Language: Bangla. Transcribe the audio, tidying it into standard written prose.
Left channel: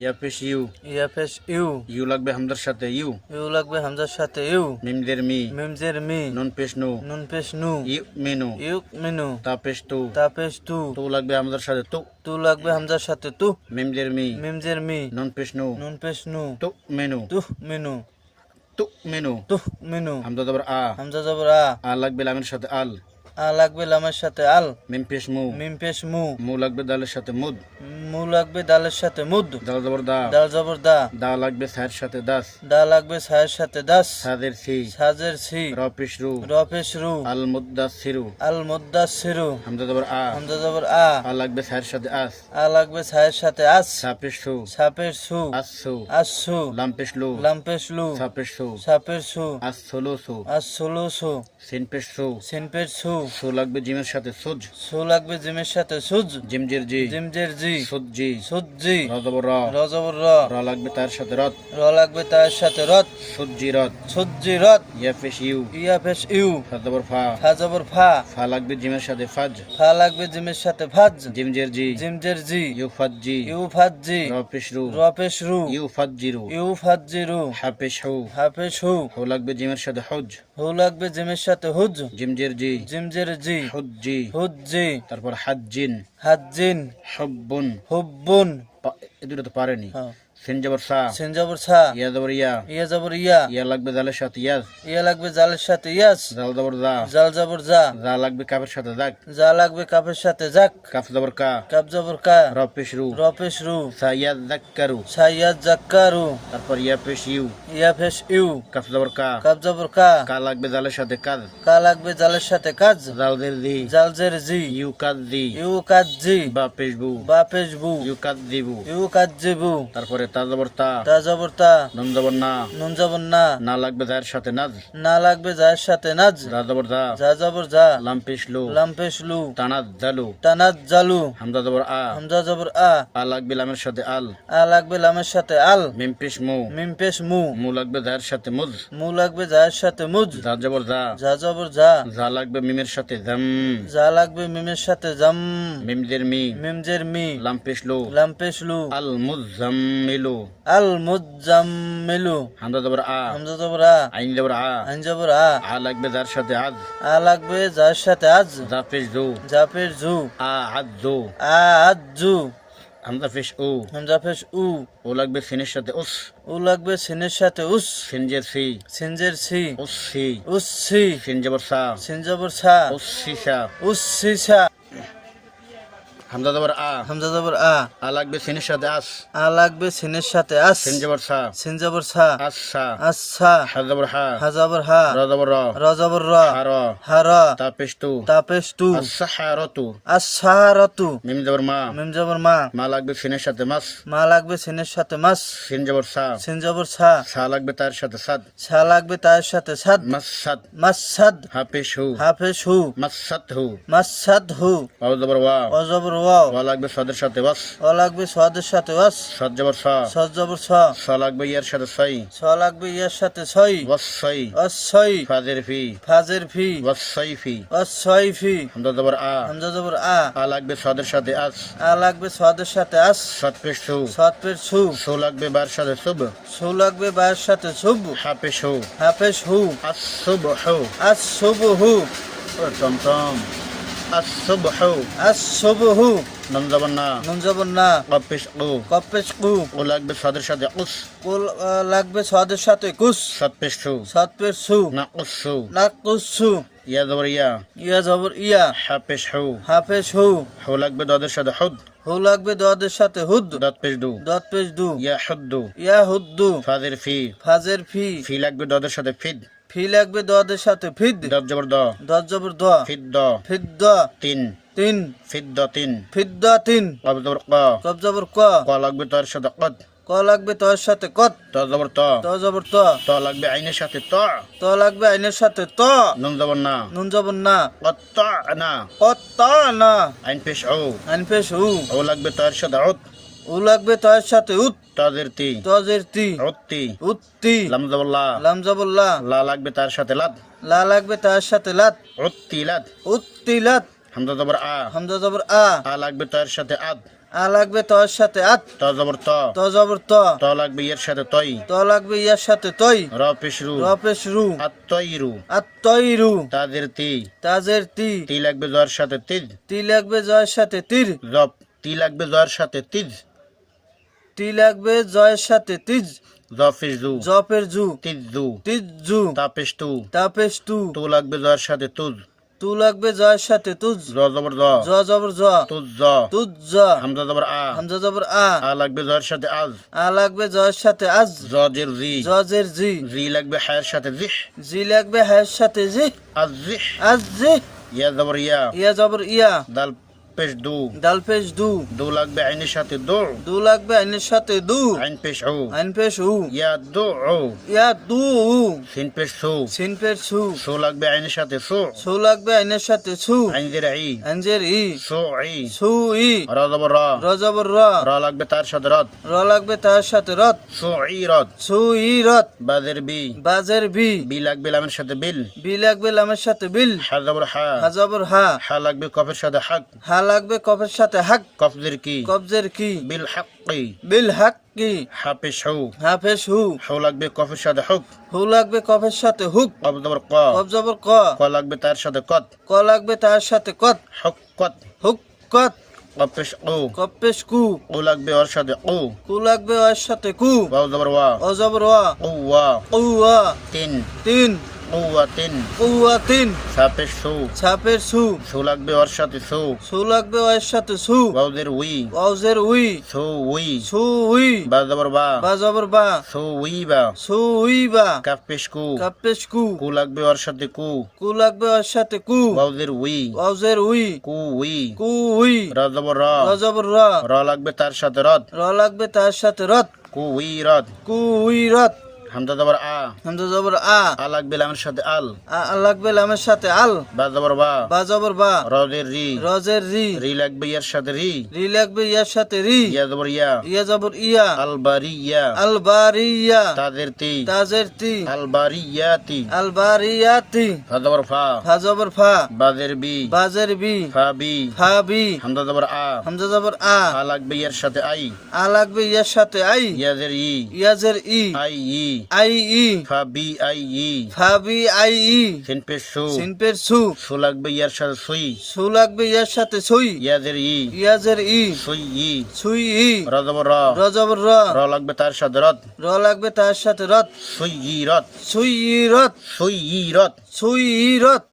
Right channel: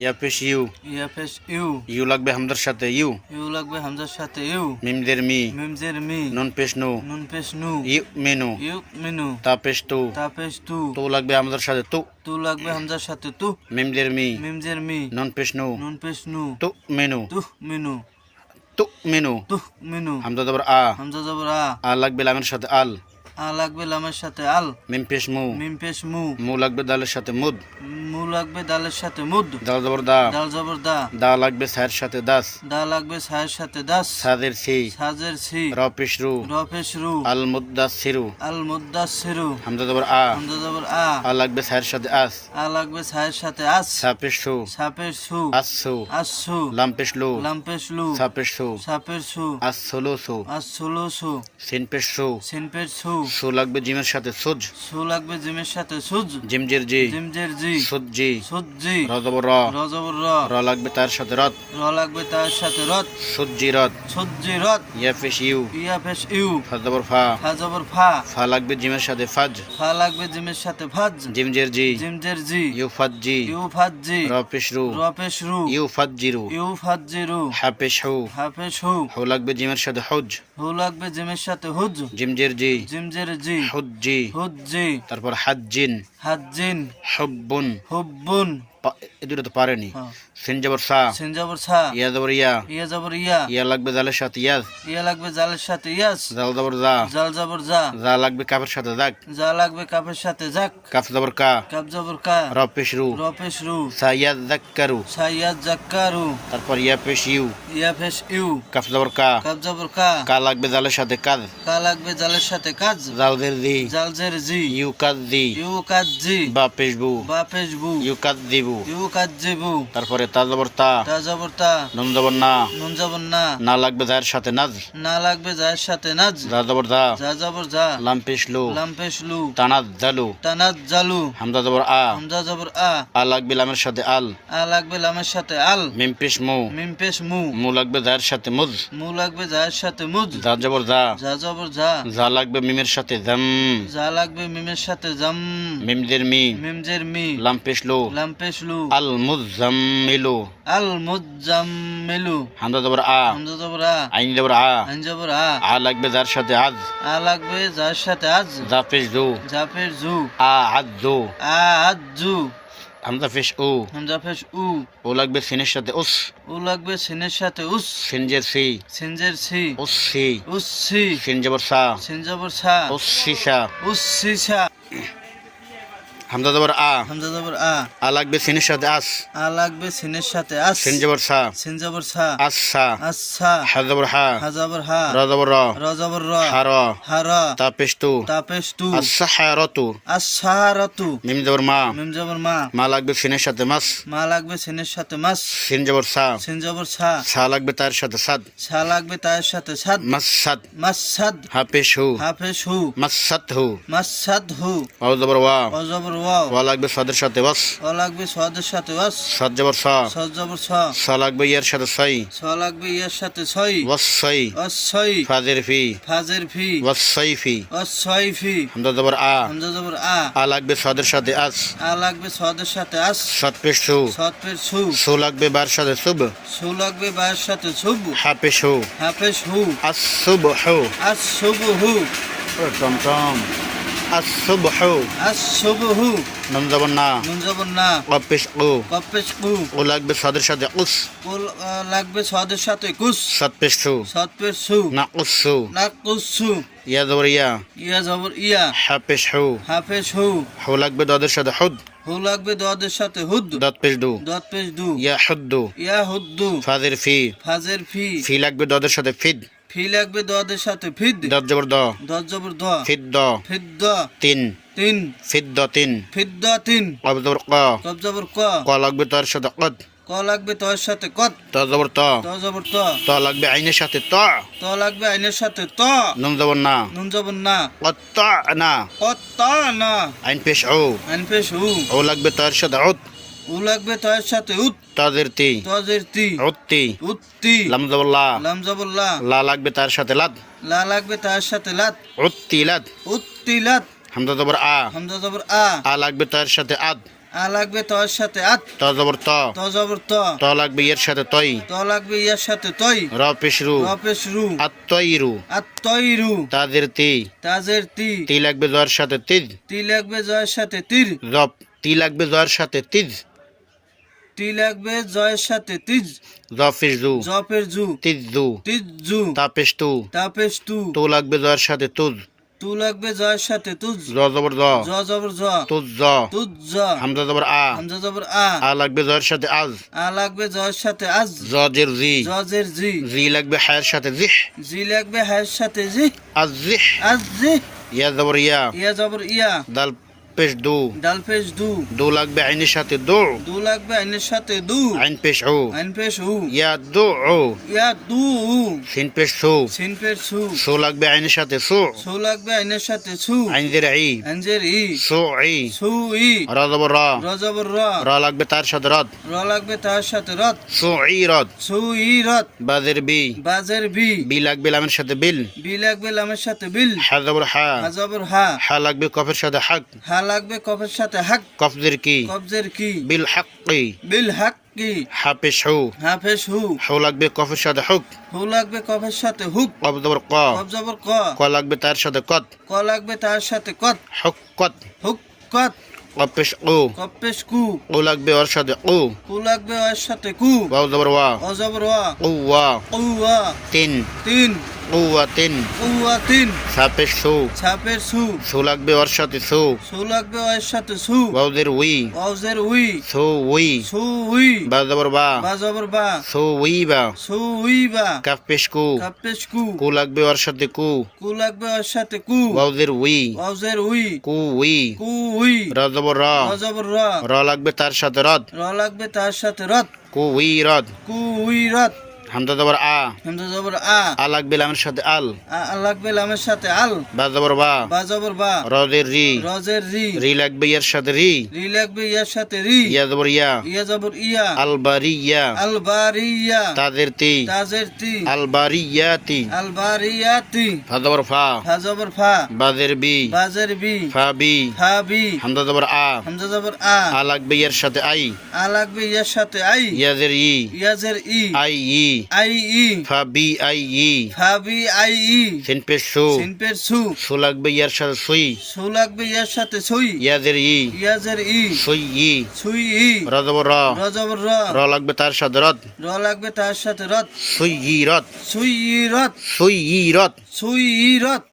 ইয়া পেশ ইউ, ইয়া পেশ ইউ, ইউ লাগবে হামজার সাথে ইউ, ইউ লাগবে হামজার সাথে ইউ, মিমদের মি, মিমজের মি, নুন পেশ নু, নুন পেশ নু, ইউ মেনু, ইউ মিনু, তা পেশ তু, তা পেশ তু, তু লাগবে হামজার সাথে তু, তু লাগবে হামজার সাথে তু, মিমদের মি, মিমজের মি, নুন পেশ নু, নুন পেশ নু, তু মেনু, তু মিনু, তু মেনু, তু মিনু, হামজা জবর আ, হামজা জবর আ, আ লাগবে লামের সাথে আল, আ লাগবে লামের সাথে আল, মিম পেশ মু, মিম পেশ মু, মু লাগবে দালের সাথে মুদ, মু লাগবে দালের সাথে মুদ, দাল জবর দা, দাল জবর দা, দা লাগবে সায়ের সাথে দাস, দা লাগবে সায়ের সাথে দাস, সাদের সি, সাজের সি, র পেশ রু, র পেশ রু, আল মুদ্দাস সিরু, আল মুদ্দাসসিরু, হামজা জবর আ, হামজা জবর আ, আ লাগবে সায়ের সাথে আস, আ লাগবে সায়ের সাথে আস, সা পেশ সু, সাপের সু, আসু, আসু, লাম পেশ লু, লাম পেশ লু, সা পেশ সু, সাপের সু, আসলু সু, আসুলু সু, সিন পেশ সু, সিনপের সু, সু লাগবে জিমের সাথে সুজ, সু লাগবে জিমের সাথে সুজ, জিমজের জি, জিমজের জি, সুজ জি, সুজি, র জবর র, র জবর র, র লাগবে তার সাথে রত, র লাগবে তার সাথে রত, সুজি রত, সুজি রত, ইয়া পেশ ইউ, ইয়া পেশ ইউ, ফা জবর ফা, ফা জবর ফা, ফা লাগবে জিমের সাথে ফাজ, ফা লাগবে জিমের সাথে ফাজ, জিমজের জি, জিমজের জি, ইউ ফাজ জি, ইউ ফাজ জি, র পেশ রু, র পেশ রু, ইউ ফাজ জিরু, ইউ ফাজ জিরু, হা পেশ হু, হাফেশ হু, হু লাগবে জিমের সাথে হুজ, হু লাগবে জিমের সাথে হুজ, জিমজের জি, জিমজের জি, হুজ জি, হুজ জি, তারপর হাজ্জিন, হাজ্জিন, হুব্বুন, হুব্বুন, এ দুটো তো পারেনি, হ্যাঁ, সিন জবর সা, সিন জবর সা, ইয়া জবর ইয়া, ইয়া জবর ইয়া, ইয়া লাগবে জালের সাথে ইয়াজ, ইয়া লাগবে জালের সাথে ইয়াস, জাল জবর জা, জাল জবর জা, জা লাগবে কাপের সাথে জাক, যা লাগবে কাপের সাথে জাক, কাফ জবর কা, কাপ জবর কা, র পেশ রু, র পেশ রু, সা ইয়াজ জাক্কারু, সাইয়াদ জাক্কারু, তারপর ইয়া পেশ ইউ, ইয়া ফেশ ইউ, কাফ জবর কা, কাপ জবর কা, কা লাগবে জালের সাথে কাজ, কা লাগবে জালের সাথে কাজ, জালদের দি, জালজের জি, ইউ কাজ দি, ইউ কাজ জি, বা পেশ বু, বা পেশ বু, ইউ কাজ দিবু, ইউ কাজ জিবু, তারপরে তা জবর তা, তা জবর তা, নুন জবর না, নুন জবর না, না লাগবে জায়ের সাথে নাজ, না লাগবে যার সাথে নাজ, যা জবর যা, যা জবর যা, লাম পেশ লু, লাম পেশ লু, তানাজ জালু, তানাজ জালু, হামজা জবর আ, হামজা জবর আ, আ লাগবে লামের সাথে আল, আ লাগবে লামের সাথে আল, মিম পেশ মু, মিম পেশ মু, মু লাগবে জায়ের সাথে মুজ, মু লাগবে যার সাথে মুজ, যা জবর যা, যা জবর যা, যা লাগবে মিমের সাথে জাম, যা লাগবে মিমের সাথে জাম, মিমদের মি, মিমজের মি, লাম পেশ লু, লাম পেশ লু, আল মুজাম্মিলু, আল মুজাম্মিলু, হামজা জবর আ, হামজা জবর আ, আইন জবর আ, আইন জবর আ, আ লাগবে যার সাথে আজ, আ লাগবে যার সাথে আজ, যা পেশ জু, যা পেশ জু, আ আজ জু, আ আজু, হামজা পেশ উ, হামজা পেশ উ, ও লাগবে সিনের সাথে উস, উ লাগবে সিনের সাথে উস, সিনজের সি, সিনজের সি, উস সি, উসসি, সিন জবর সা, সিন জবর সা, উস সিসা, উসসিসা, হামজা জবর আ, হামজা জবর আ, আ লাগবে সিনের সাথে আস, আ লাগবে সিনের সাথে আস, সিন জবর সা, সিন জবর সা, আস সা, আচ্ছা, হা জবর হা, হা জবর হা, র জবর র, র জবর র, হা র, হার, তা পেশ তু, তাপেশ তু, আস সাহারতু, আসারতু, মিম জবর মা, মিম জবর মা, মা লাগবে সিনের সাথে মাস, মা লাগবে সিনের সাথে মাস, সিন জবর সা, সিন জবর সা, সা লাগবে তার সাথে সাদ, সা লাগবে তার সাথে সাদ, মাস সাদ, মাসাদ, হা পেশ হু, হাফেশ হু, মাস সাদ হু, মাসাদ হু, ও জবর ওয়া, অ জবর ওয়াও, ওয়া লাগবে সাদের সাথে ওয়াস, অ লাগবে সোয়াদের সাথে ওয়াস, সাদ জবর সা, সজ জবর স, সা লাগবে ইয়ার সাথে সাই, স লাগবে ইয়ার সাথে ছয়, ওয়াস সাই, অছয়, ফাজের ফি, ফাজের ফি, ওয়াস সাইফি, অছয় ফি, হামজা জবর আ, হামজা জবর আ, আ লাগবে সাদের সাথে আস, আ লাগবে সোয়াদের সাথে আস, সাদ পেশ সু, সাত পেশ সু, সু লাগবে বার সাথে সুব, সু লাগবে বায়ের সাথে ছুব, হা পেশ হু, হাফেশ হু, আস সুব হু, আস শুভ হু, টমটম, আস সুব হু, আস শুভ হু, নুন জবর না, নুন জবর না, ও পেশ ও, কপেশ কু, ও লাগবে সাদের সাথে উস, কুল লাগবে সোয়াদের সাথে কুস, সাদ পেশ সু, সাত পেশ সু, না উস সু, নাক কুসু, ইয়া জবর ইয়া, ইয়া জবর ইয়া, হা পেশ হু, হাফেশ হু, হু লাগবে দাদের সাথে হুদ, হু লাগবে দদের সাথে হুদ, দাঁত পেশ দু, দত পেশ দু, ইয়া হুদ্দু, ইয়া হুদ্দু, ফাজের ফি, ফাজের ফি, ফি লাগবে দাদের সাথে ফিদ, ফি লাগবে দদের সাথে ফিদ, দাঁত জবর দ, দত জবর দ, ফিদ দ, ফিদ্দ, তিন, তিন, ফিদ দ তিন, ফিদ্দ তিন, কব জবর ক, কব জবর ক, ক লাগবে তার সাথে কদ, ক লাগবে তর সাথে কত, ত জবর ত, ত জবর ত, ত লাগবে আইনের সাথে ত, ত লাগবে আইনের সাথে ত, নুন জবর না, নুন জবর না, কত ত না, কত না, আইন পেশ ও, আইন পেশ হু, ও লাগবে তার সাথে উত, উ লাগবে তর সাথে উত, তাদের তি, তজের তি, উত্তি, উত্তি, লাম জবর লা, লাম জবর লা, লা লাগবে তার সাথে লাদ, লা লাগবে তার সাথে লাত, উত্তি লাদ, উত্তিলাত, হামজা জবর আ, হামজা জবর আ, আ লাগবে তার সাথে আদ, আ আ লাগবে তয়ের সাথে আত ত জবর ত ত জবর ত ত লাগবে ইয়ের সাথে তই ত লাগবে ইয়ার সাথে তই র পেশ রু র পেশ রু আত্তইরু আত তৈরু তাদের তি তাজের তি তি লাগবে জয়ের সাথে তিজ তি লাগবে জয়ের সাথে তীর জব তি লাগবে জয়ের সাথে তিজ তি লাগবে জয়ের সাথে তিজ জ পেশ জু জপের জু তিজ জু তিজ জু তা পেশ তু তাপেশ তু তু লাগবে জয়ের সাথে তুজ তু লাগবে জয়ের সাথে তুজ জ জবর জ জ জবর জ তুজ জ তুজ জ হামজা জবর আ হামজা জবর আ আ লাগবে জয়ের সাথে আজ আ লাগবে জয়ের সাথে আজ জ জের জি জজের জি জি লাগবে হায়ের সাথে জিহ জি লাগবে হায়ের সাথে জি আজ জিহ আজ জি ইয়া জবর ইয়া ইয়া জবর ইয়া দাল পেশ দু ডাল পেশ দু দু লাগবে আইনের সাথে দু দু লাগবে আইনের সাথে দু আইন পেশ উ আইন পেশ উ ইয়া দু উ ইয়া দু উ সিন পেশ সু সিন পেশ সু সু লাগবে আইনের সাথে সু সু লাগবে আইনের সাথে সু আইন জের ই আঞ্জের ই সু ই সু ই র জবর র র জবর র র লাগবে তার সাথে রদ র লাগবে তার সাথে রত সু ই রদ সু ই রত বাজের বি বাজের বি বি লাগবে লামের সাথে বিল বি লাগবে লামের সাথে বিল হা জবর হা হা জবর হা হা লাগবে কফের সাথে হাক হা লাগবে কফের সাথে হাক কফজের কি কবজের কি বিল হাক্কি বিল হাক কি হা পেশ হু হাফেশ হু হু লাগবে কফের সাথে হুক হু লাগবে কফের সাথে হুক কফ জবর ক কব জবর ক ক লাগবে তার সাথে কত ক লাগবে তার সাথে কত হুক কত হুক কত কফ পেশ ও কপেশ কু ও লাগবে ওর সাথে ও কু লাগবে ওর সাথে কু ওয়াও জবর ওয়া ও জবর ওয়া ও ওয়া উ ওয়া তিন তিন ও ওয়া তিন উ ওয়া তিন সা পেশ সু ছাপের সু সু লাগবে ওর সাথে সু সু লাগবে ওর সাথে সু ওয়াউদের উই ওজের উই সু উই সু উই বা জবর বা বা জবর বা সু উই বা সু উই বা কাফ পেশ কু কাপেশ কু কু লাগবে ওর সাথে কু কু লাগবে ওর সাথে কু ওয়াউদের উই ওজের উই কু উই কু উই র জবর র র জবর র র লাগবে তার সাথে রদ র লাগবে তার সাথে রত কু উই রদ কু উই রত হামজা জবর আ হামজা জবর আ আ লাগবে লামের সাথে আল আ লাগবে লামের সাথে আল বা জবর বা বা জবর বা রদের রি রজের রি রি লাগবে ইয়ার সাথে রি রি লাগবে ইয়ার সাথে রি ইয়া জবর ইয়া ইয়া জবর ইয়া আল বারিয়া আল বারিয়া তাদের তি তাজের তি আল বারিয়াতি আল বারিয়াতি ফা জবর ফা ফা জবর ফা বাজের বি বাজের বি ফা বি ফা বি হামজা জবর আ হামজা জবর আ আ লাগবে ইয়ার সাথে আই আ লাগবে ইয়ার সাথে আই ইয়াজের ই ইয়াজের ই আই ই আই ই ফা বি আই ই ফা বি আই ই সিন পেশ সু সিনপের সু সু লাগবে ইয়ার সাথে সুই সু লাগবে ইয়ার সাথে সুই ইয়াজের ই ইয়াজের ই সুই ই সুই ই র জবর র র জবর র র লাগবে তার সাথে রদ র লাগবে তার সাথে রত সুই ই রদ সুই ই রত সুই ই রদ সুই ই রত